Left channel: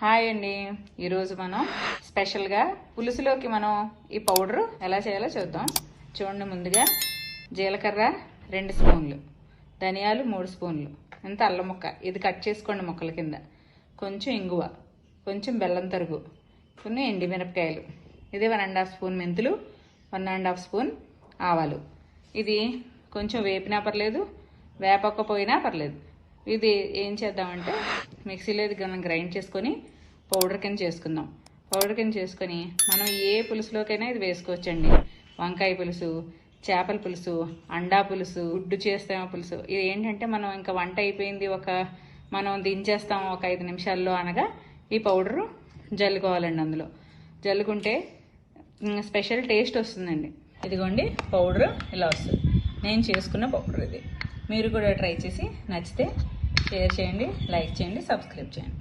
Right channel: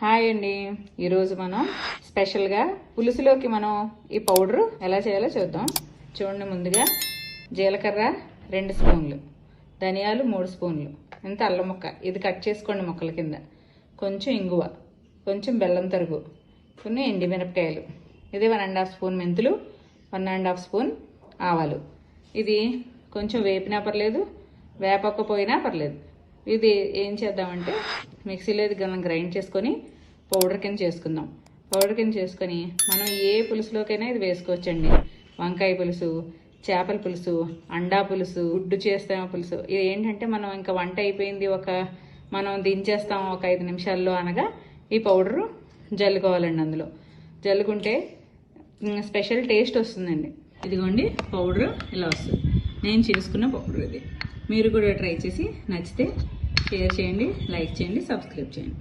Hi అండి. ఈరోజు మనం స్పెషల్గా పులుసులోకి మనం ఈ పౌడర్ ఎలా చేయాలో చూద్దాం. చూడండి, ముందుగా జీలకర్ర 2 స్పూన్లు, ధనియాలు 3 స్పూన్లు, ఇంత అల్లం ముక్క, ఇది కట్ చేసుకోండి ముక్కల కింద, కొంచెం ఇంగువ, కొంచెం బెల్లం తరుగు, కొన్ని ఎండిమిరపకాయలు, ఇది 1.5 స్పూన్ మెంతులు, 1.5 స్పూన్ ఆవాలు. ఇది కొంచెం వేపినా పర్లేదు, వేపకపోయినా పర్లేదు. ఇది ఏం చేద్దామంటే మిక్సీలో ఇది మనం గ్రైండ్ చేసుకొని పౌడర్ కింద చేసుకుందాం. పౌడర్ కింద చేసుకొని మనం ఏ పులుసులోకైనా ఇది వేసుకోవచ్చండి. వంకాయ పులుసు, చేపల పులుసు, అండా పులుసు, గుడ్డు చేస్తాం పులుసు. ఇది ఏంటంటే మనం ఇంకా వంట అయిపోయింది, మనం దించేస్తాం ఒక 5 నిమిషాల్లో అనగా ఈ పౌడరు జల్లుకోవాలండి. అందులో జల్లుకుంటే స్పెషల్ టేస్ట్ వస్తుందండి. ఇదిగోండి పౌడర్ ఇలా వస్తుంది. నేను చేసుకున్న పౌడర్ ఇది. మీరు కూడా ట్రై చేసి నచ్చితే షేర్ చేయండి, లైక్ చేయండి, సబ్స్క్రైబ్ చేయండి.